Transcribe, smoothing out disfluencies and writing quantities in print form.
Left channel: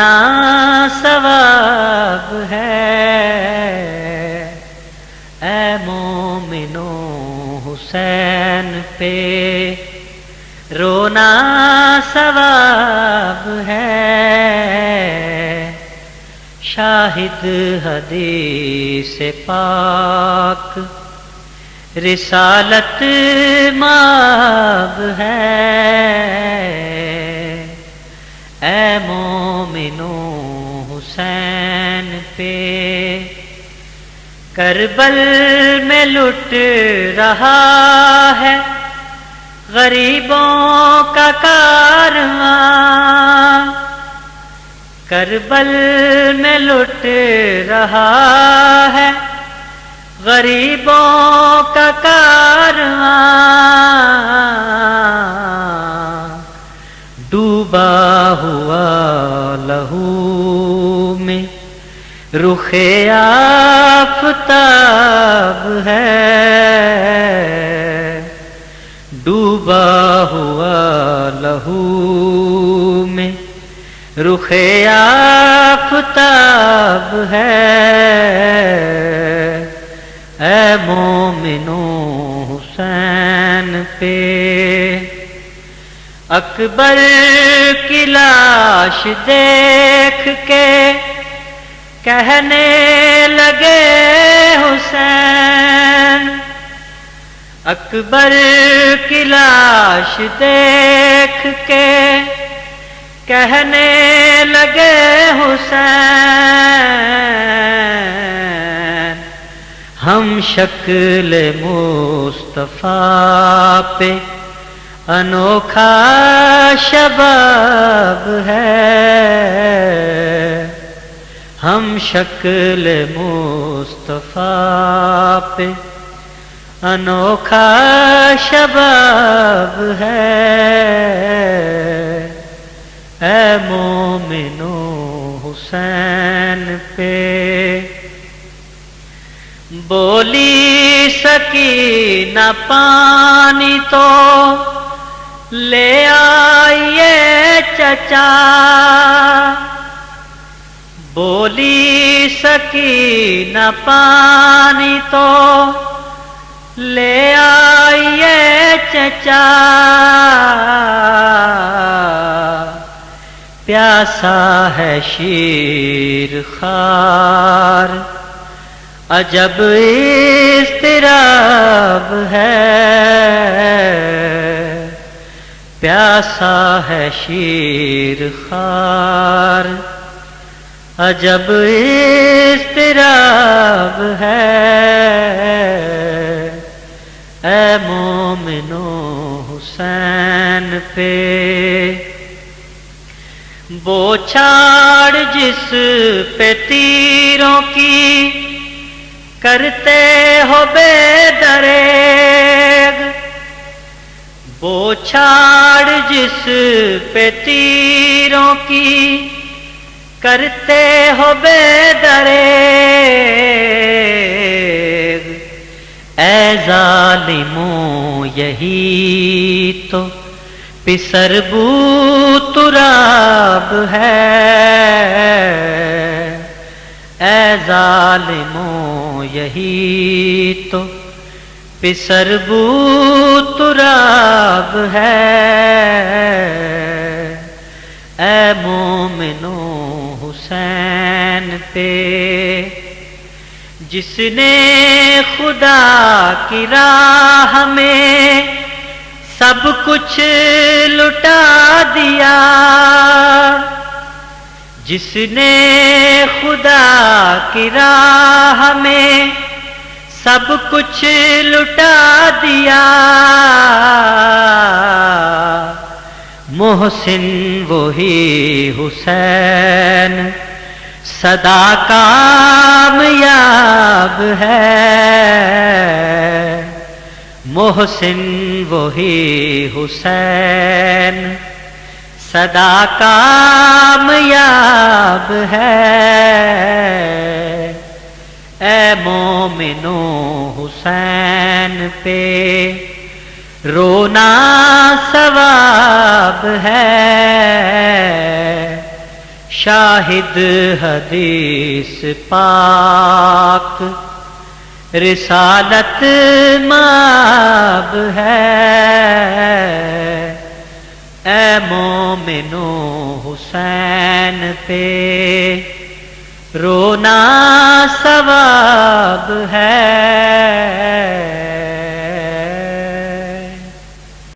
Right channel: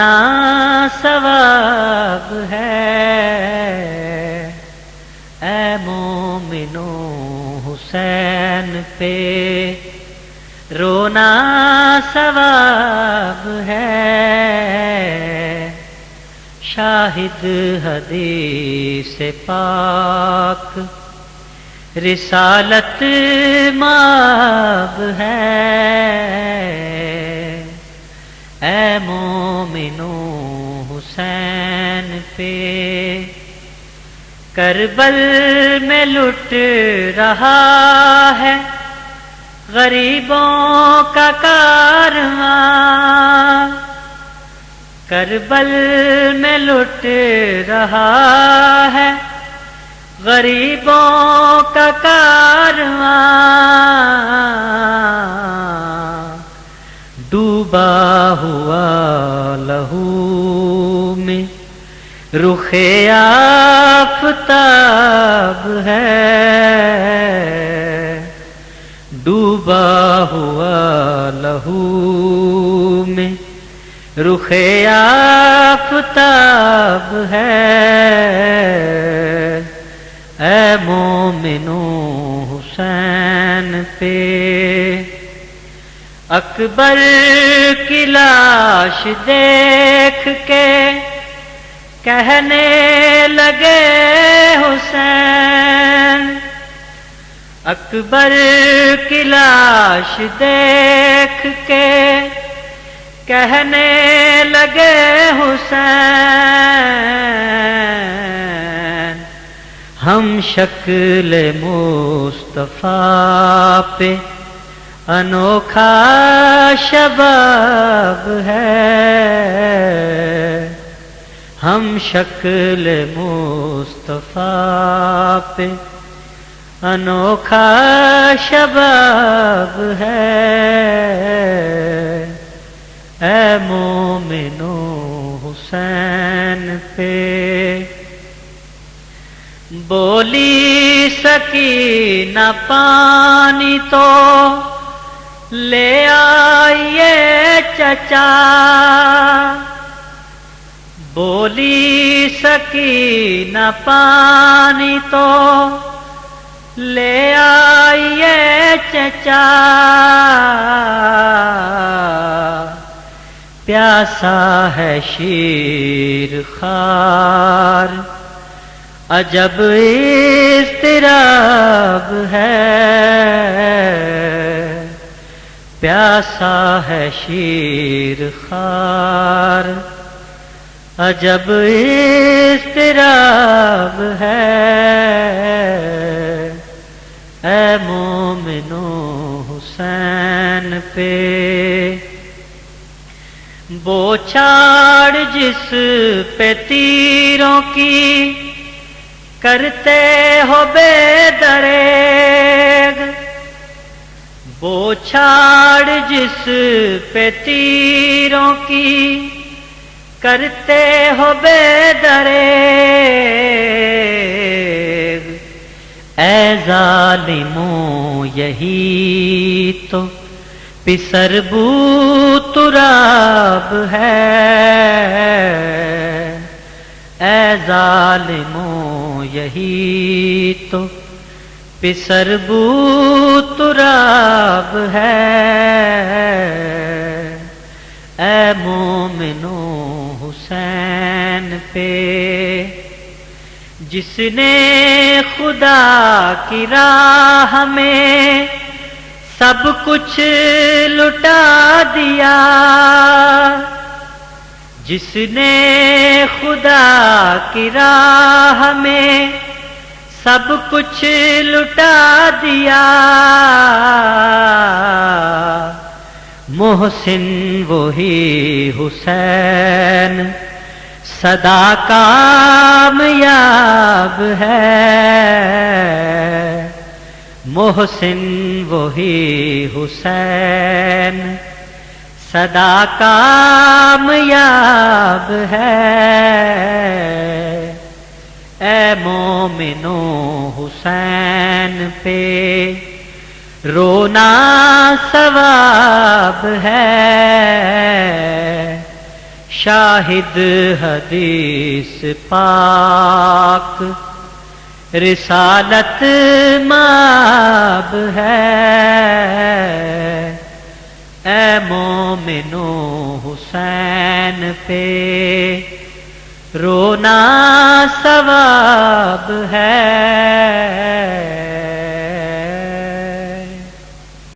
رونا ثواب ہے، اے مومنو حسین پہ رونا ثواب ہے، شاہد حدیث پاک رسالت مآب ہے، اے مومنو حسین پہ کربل میں لٹ رہا ہے غریبوں کا کارواں، کربل میں لٹ رہا ہے غریبوں کا کارواں، ڈوبا ہوا لہو میں رخ آفتاب ہے، ڈوبا ہوا لہو میں رخ آفتاب ہے، اے مومنو حسین پہ اکبر کی لاش دیکھ کے کہنے لگے حسین، اکبر کی لاش دیکھ کے کہنے لگے حسین، ہم شکل مصطفیٰ پہ انوکھا شباب ہے، ہم شکل مصطفیٰ پہ انوکھا شباب ہے، اے مومنو حسین پہ بولی سکینہ پانی تو لے آئیے چچا، بولی سکینہ پانی تو لے آئیے چچا، پیاسا ہے شیر خوار عجب اضطراب ہے، پیاسا ہے شیر خوار عجب اضطراب ہے، اے مومنو حسین پہ بوچھاڑ جس پہ تیروں کی کرتے ہو بے دریغ، بوچھاڑ جس پہ تیروں کی کرتے ہو بے دریغ، اے ظالموں یہی تو پسر بو تراب ہے، اے ظالموں یہی تو پسر بو تراب ہے، اے مومنو حسین پہ جس نے خدا کی راہ میں سب کچھ لٹا دیا، جس نے خدا کی راہ میں سب کچھ لٹا دیا، محسن وہی حسین سدا کامیاب ہے، محسن وہی حسین سدا کامیاب ہے، اے مومنو حسین پہ رونا ثواب ہے، شاہ شاہد حدیث پاک رسالت مآب ہے، اے مومنو حسین پہ رونا ثواب ہے۔